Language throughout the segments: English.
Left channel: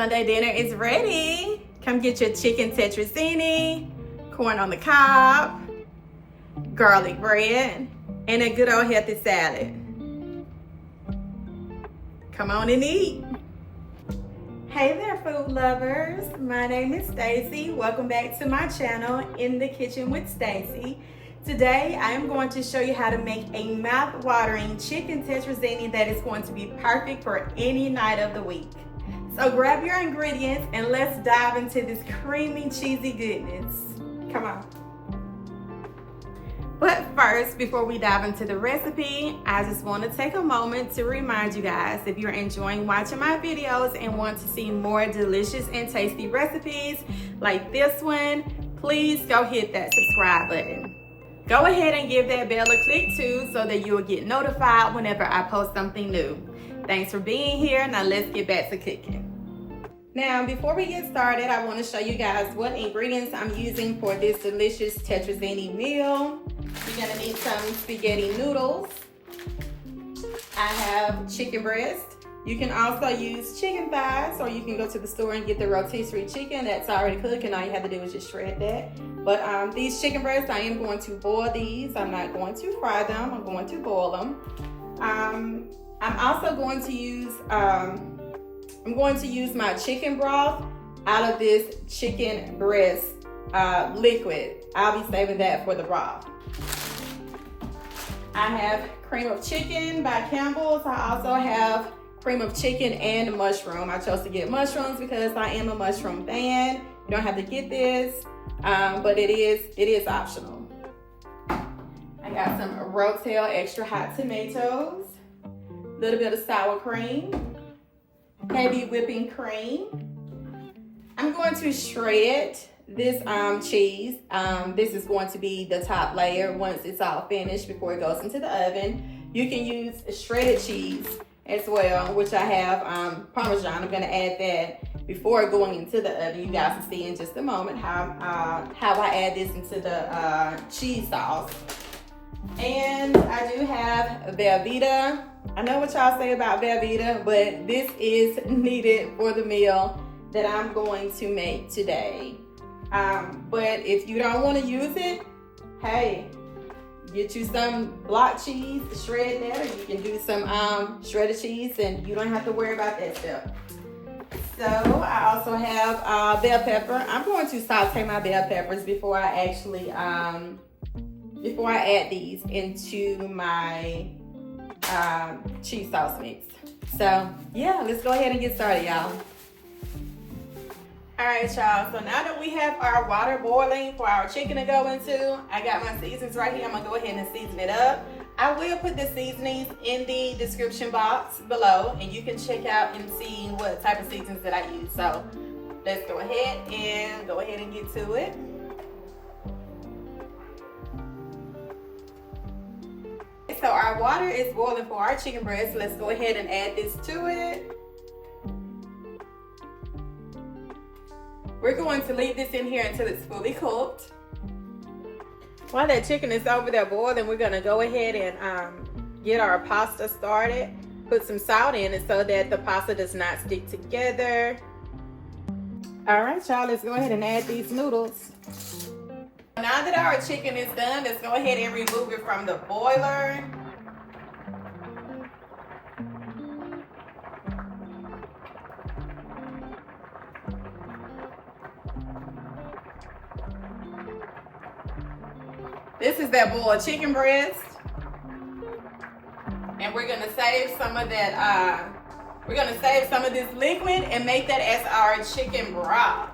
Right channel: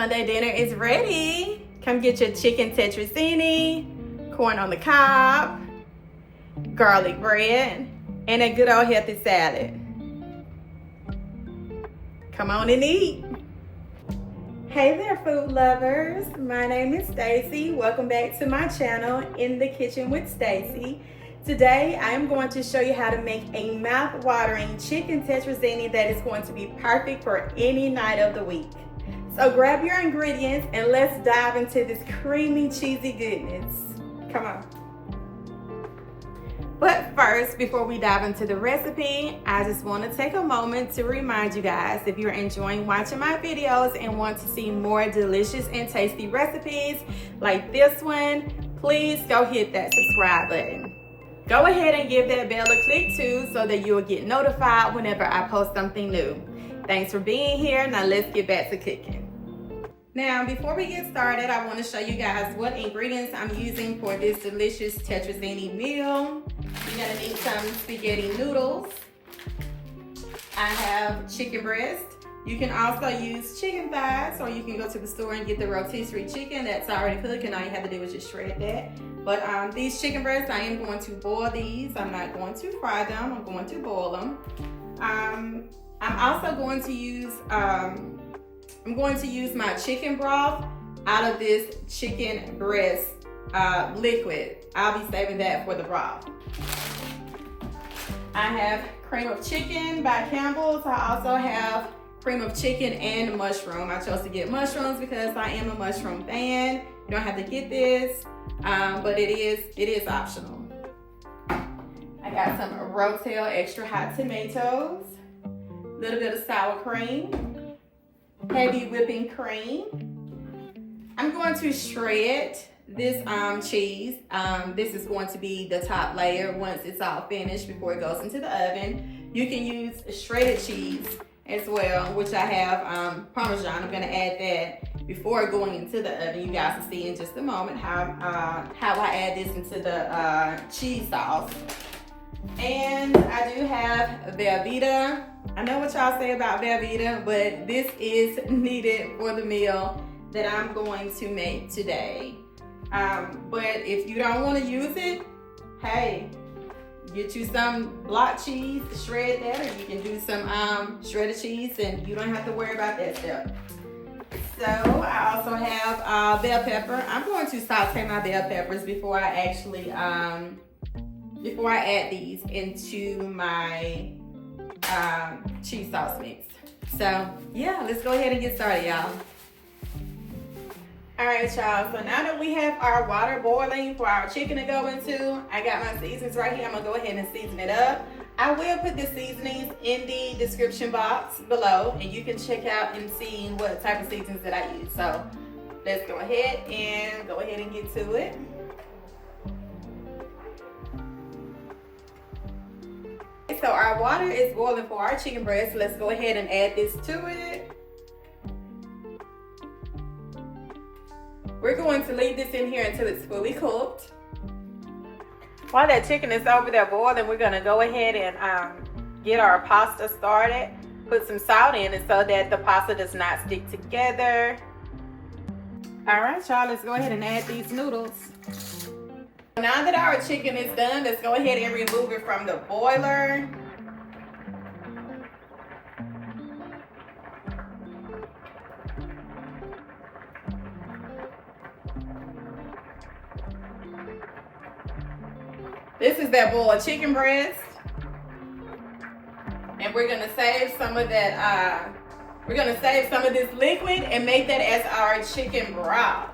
Sunday dinner is ready. Come get your chicken tetrazzini, corn on the cob, garlic bread, and a good old healthy salad. Come on and eat. Hey there, food lovers. My name is Stacy. Welcome back to my channel, In the Kitchen with Stacy. Today, I am going to show you how to make a mouth-watering chicken tetrazzini that is going to be perfect for any night of the week. So grab your ingredients and let's dive into this creamy, cheesy goodness. Come on. But first, before we dive into the recipe, I just want to take a moment to remind you guys, if you're enjoying watching my videos and want to see more delicious and tasty recipes like this one, please go hit that subscribe button. Go ahead and give that bell a click too so that you'll get notified whenever I post something new. Thanks for being here. Now let's get back to cooking. Now, before we get started, I want to show you guys what ingredients I'm using for this delicious tetrazzini meal. You're gonna need some spaghetti noodles. I have chicken breast. You can also use chicken thighs, or you can go to the store and get the rotisserie chicken that's already cooked, and all you have to do is just shred that. But these chicken breasts, I am going to boil these. I'm not going to fry them. I'm going to boil them. I'm also going to use my chicken broth out of this chicken breast liquid. I'll be saving that for the broth. I have cream of chicken by Campbell's. I also have cream of chicken and mushroom. I chose to get mushrooms because I am a mushroom fan. You don't have to get this, but it is optional. I got some Rotel extra hot tomatoes, a little bit of sour cream, heavy whipping cream. I'm going to shred this cheese. This is going to be the top layer once it's all finished before it goes into the oven. You can use shredded cheese as well, which I have Parmesan. I'm gonna add that before going into the oven. You guys will see in just a moment how I add this into the cheese sauce. And I do have Velveeta. I know what y'all say about Velveeta, but this is needed for the meal that I'm going to make today. But if you don't want to use it, hey, get you some block cheese, shred that, or you can do some shredded cheese, and you don't have to worry about that stuff. So I also have bell pepper. I'm going to saute my bell peppers before I actually before I add these into my cheese sauce mix. So yeah, let's go ahead and get started, y'all. All right, y'all, so now that we have our water boiling for our chicken to go into, I got my seasonings right here. I'm gonna go ahead and season it up. I will put the seasonings in the description box below, and you can check out and see what type of seasonings that I use. So let's go ahead and get to it. So our water is boiling for our chicken breast. Let's go ahead and add this to it. We're going to leave this in here until it's fully cooked. While that chicken is over there boiling, we're gonna go ahead and get our pasta started. Put some salt in it so that the pasta does not stick together. All right, y'all, let's go ahead and add these noodles. Now that our chicken is done, let's go ahead and remove it from the boiler. This is that boiled chicken breast. And we're gonna save some of that, we're gonna save some of this liquid and make that as our chicken broth.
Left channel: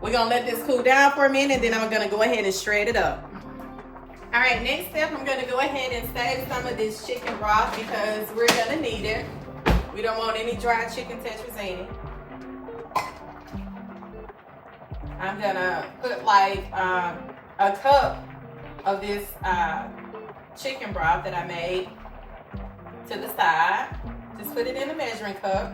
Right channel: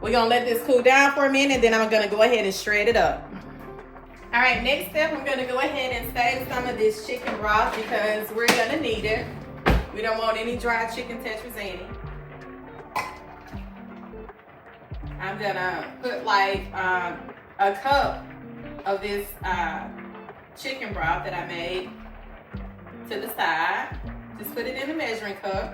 We're gonna let this cool down for a minute, then I'm gonna go ahead and shred it up. All right, next step, I'm gonna go ahead and save some of this chicken broth because we're gonna need it. We don't want any dry chicken tetrazzini. I'm gonna put like a cup of this chicken broth that I made to the side. Just put it in a measuring cup.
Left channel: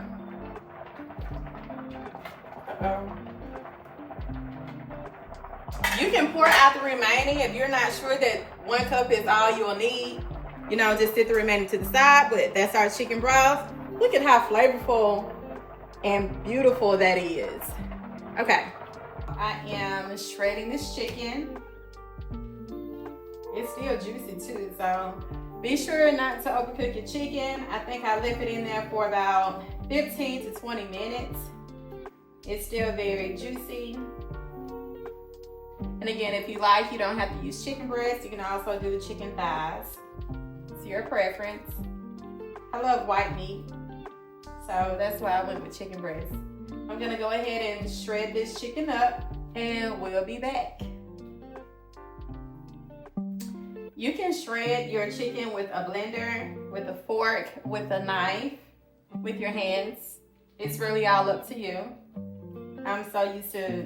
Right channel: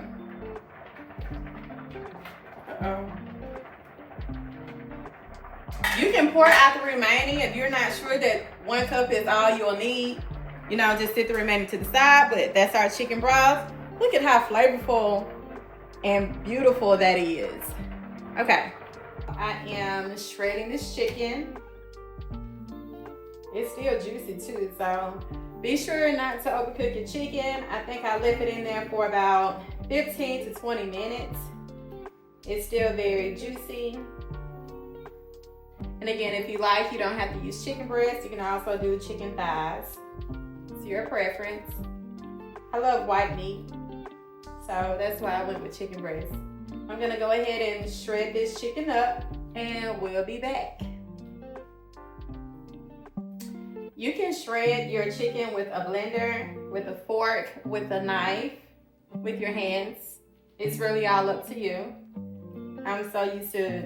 You can pour out the remaining if you're not sure that 1 cup is all you'll need. You know, just set the remaining to the side, but that's our chicken broth. Look at how flavorful and beautiful that is. Okay, I am shredding this chicken. It's still juicy too, so be sure not to overcook your chicken. I think I left it in there for about 15 to 20 minutes. It's still very juicy. And again, if you like, you don't have to use chicken breast. You can also do chicken thighs. It's your preference. I love white meat, so that's why I went with chicken breast. I'm gonna go ahead and shred this chicken up, and we'll be back. You can shred your chicken with a blender, with a fork, with a knife, with your hands. It's really all up to you. I'm so used to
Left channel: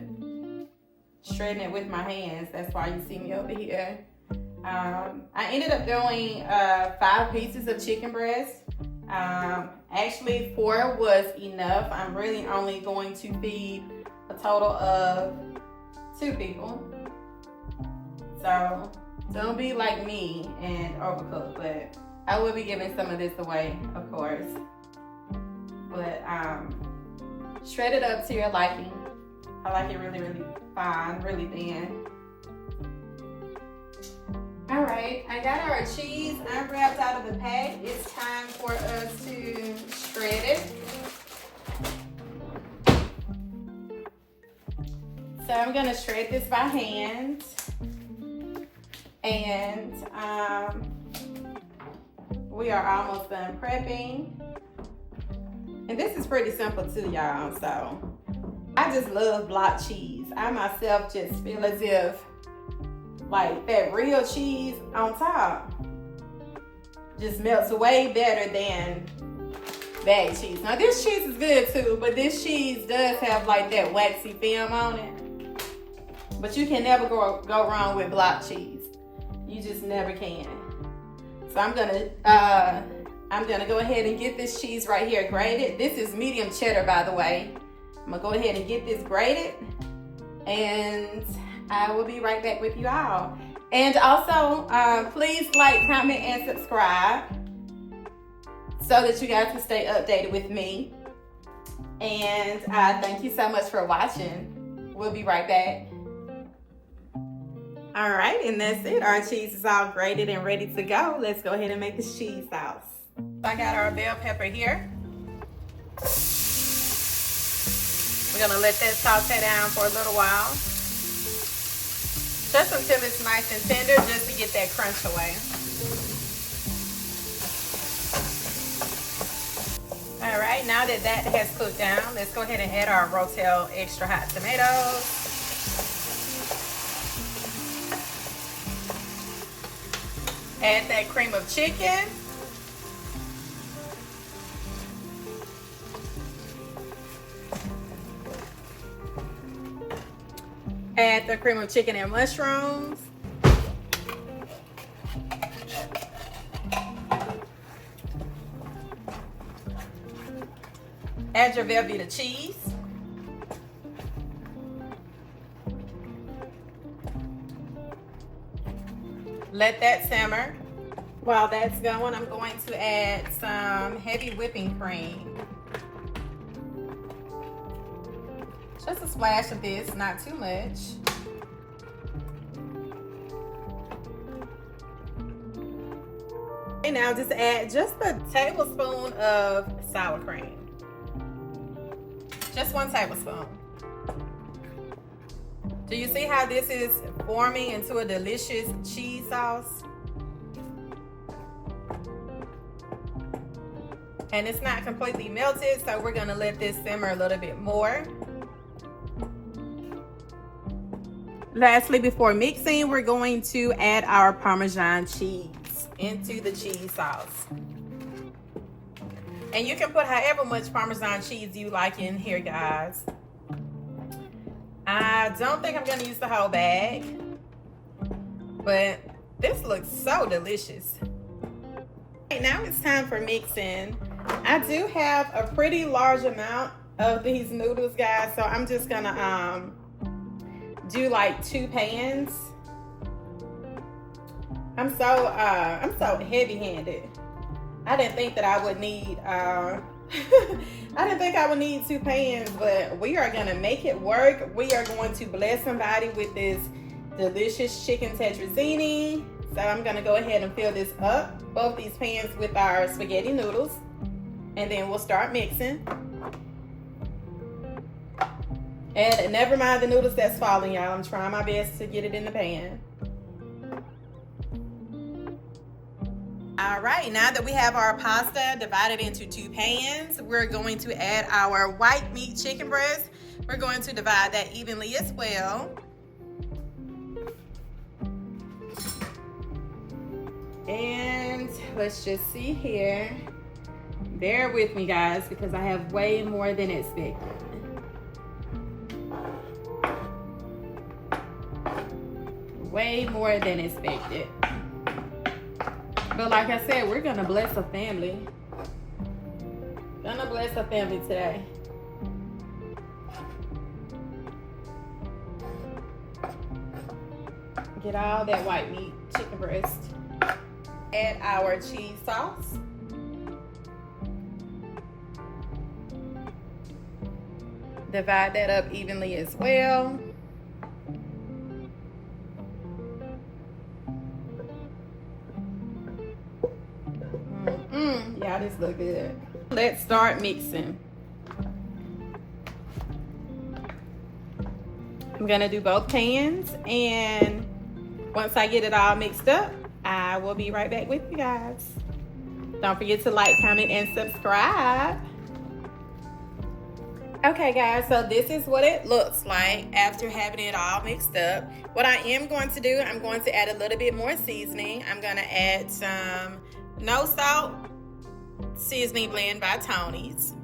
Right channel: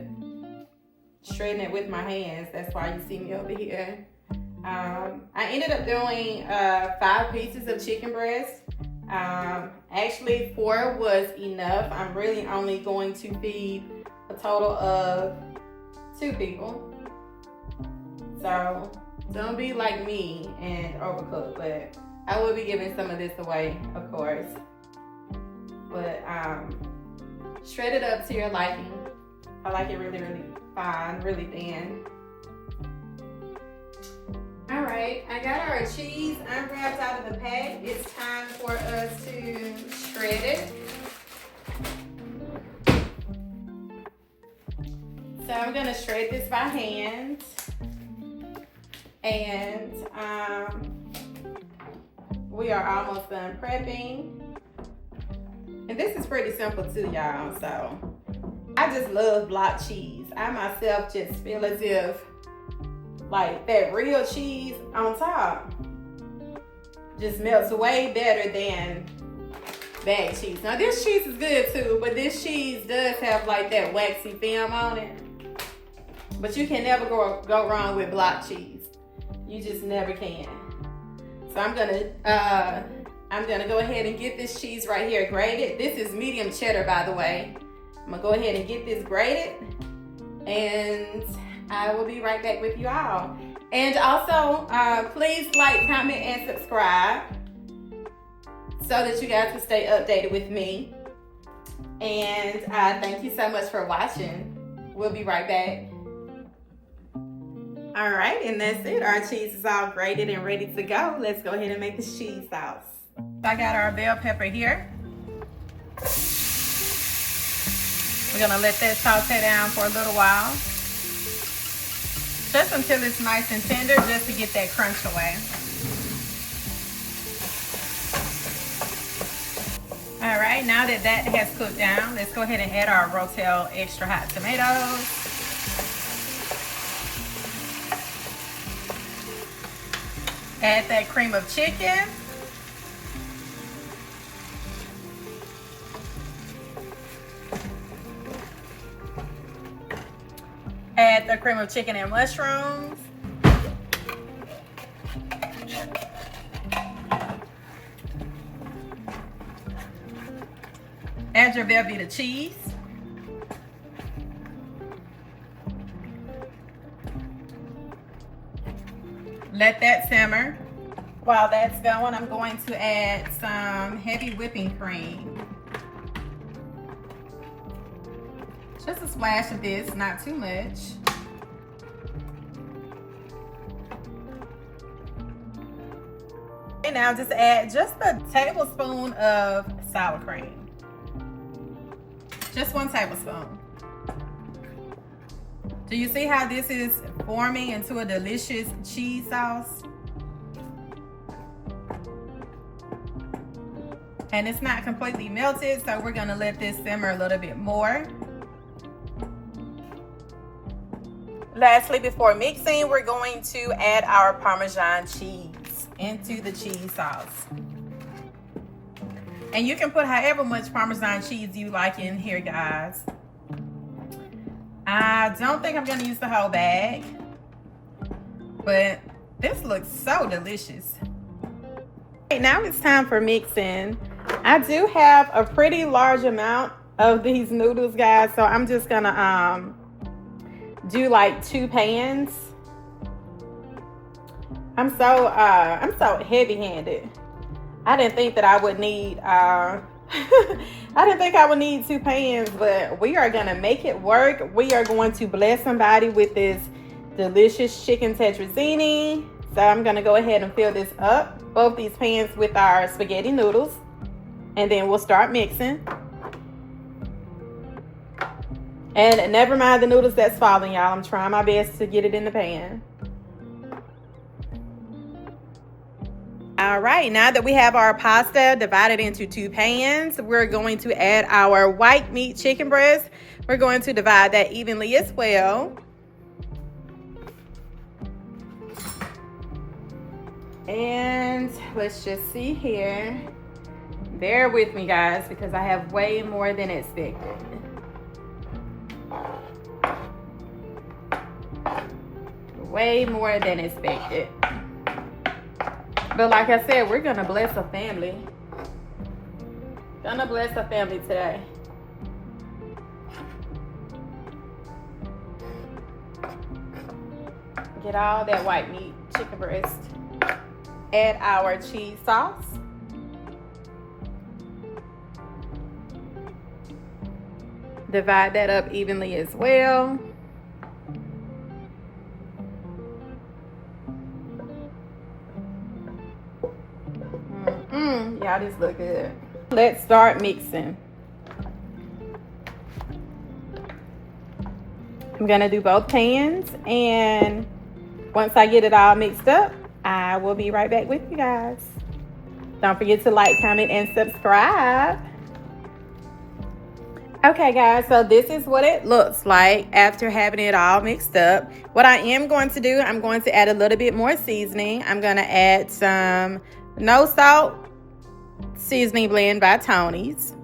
shredding it with my hands. That's why you see me over here. I ended up doing 5 pieces of chicken breast. Actually 4 was enough. I'm really only going to feed a total of 2 people. So don't be like me and overcook, but I will be giving some of this away, of course. But shred it up to your liking. I like it really, really fine, really thin. All right, I got our cheese unwrapped out of the pack. It's time for us to shred it. So I'm gonna shred this by hand. And we are almost done prepping. And this is pretty simple too, y'all. So I just love block cheese. I myself just feel as if like that real cheese on top just melts way better than bag cheese. Now this cheese is good too, but this cheese does have like that waxy film on it. But you can never go wrong with block cheese. You just never can. So I'm gonna go ahead and get this cheese right here grated. This is medium cheddar, by the way. I'm gonna go ahead and get this grated, and I will be right back with you all. And also, please like, comment, and subscribe so that you guys can stay updated with me. And thank you so much for watching. We'll be right back. All right, and that's it. Our cheese is all grated and ready to go. Let's go ahead and make this cheese sauce. I got our bell pepper here. We're gonna let that saute down for a little while. Just until it's nice and tender, just to get that crunch away. All right, now that that has cooked down, let's go ahead and add our Rotel extra hot tomatoes. Add that cream of chicken. Add the cream of chicken and mushrooms. Add your Velveeta cheese. Let that simmer. While that's going, I'm going to add some heavy whipping cream. Just a splash of this, not too much. And now just add just a tablespoon of sour cream. Just 1 tablespoon. Do you see how this is forming into a delicious cheese sauce? And it's not completely melted, so we're gonna let this simmer a little bit more. Lastly, before mixing, we're going to add our Parmesan cheese into the cheese sauce. And you can put however much Parmesan cheese you like in here, guys. I don't think I'm gonna use the whole bag, but this looks so delicious. Okay, now it's time for mixing. I do have a pretty large amount of these noodles, guys, so I'm just gonna do like 2 pans. I'm so heavy-handed. I didn't think that I would need I didn't think I would need 2 pans, but we are gonna make it work. We are going to bless somebody with this delicious chicken tetrazzini. So I'm gonna go ahead and fill this up, both these pans, with our spaghetti noodles, and then we'll start mixing. And never mind the noodles that's falling, y'all. I'm trying my best to get it in the pan. All right, now that we have our pasta divided into 2 pans, we're going to add our white meat chicken breast. We're going to divide that evenly as well. And let's just see here. Bear with me, guys, because I have way more than expected. Way more than expected. But like I said, we're gonna bless a family. Gonna bless a family today. Get all that white meat chicken breast. Add our cheese sauce. Divide that up evenly as well. Y'all, this look good. Let's start mixing. I'm gonna do both pans, and once I get it all mixed up, I will be right back with you guys. Don't forget to like, comment, and subscribe. Okay, guys, so this is what it looks like after having it all mixed up. What I am going to do, I'm going to add a little bit more seasoning. I'm gonna add some no salt seasoning blend by Tony's,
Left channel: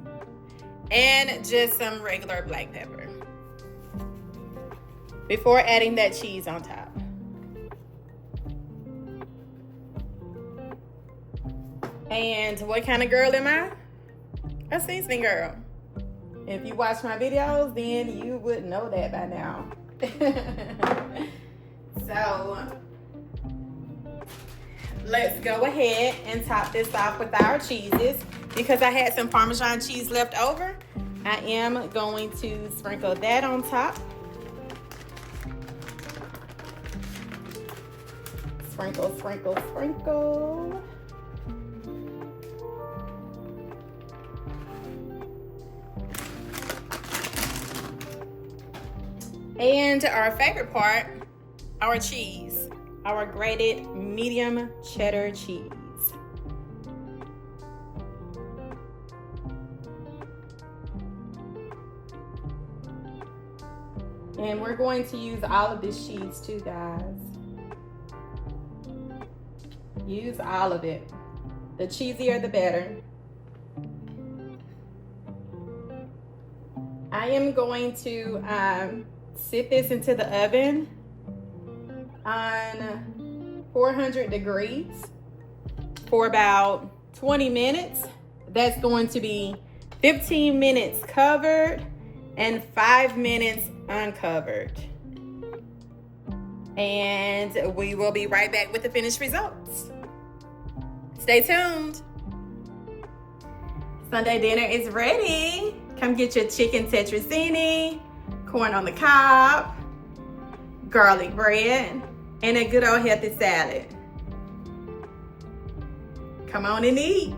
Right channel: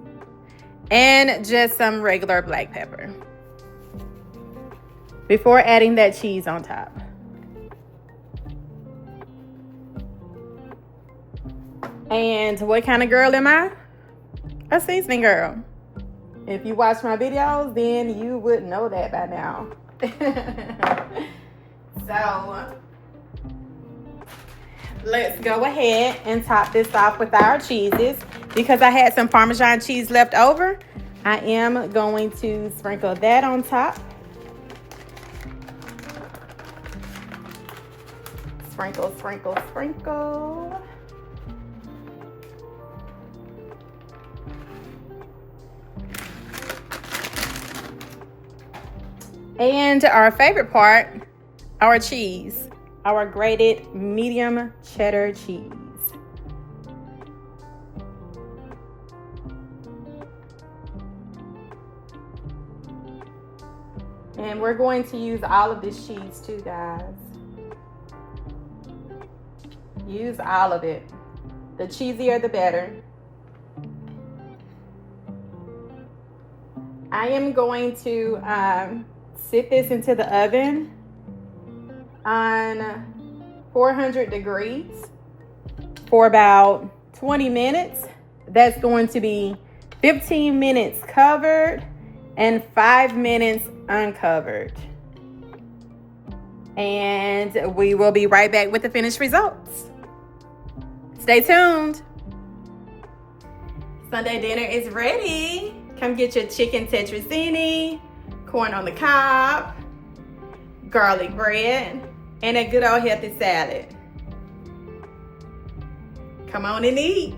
and just some regular black pepper before adding that cheese on top. And what kind of girl am I? A seasoning girl. If you watch my videos, then you would know that by now. So let's go ahead and top this off with our cheeses. Because I had some Parmesan cheese left over, I am going to sprinkle that on top. Sprinkle, sprinkle, sprinkle. And our favorite part, our cheese, our grated medium cheddar cheese. And we're going to use all of this cheese too, guys. Use all of it. The cheesier, the better. I am going to sit this into the oven on 400 degrees for about 20 minutes. That's going to be 15 minutes covered and 5 minutes uncovered. And we will be right back with the finished results. Stay tuned. Sunday dinner is ready. Come get your chicken tetrazzini, corn on the cob, garlic bread, and a good old healthy salad. Come on and eat.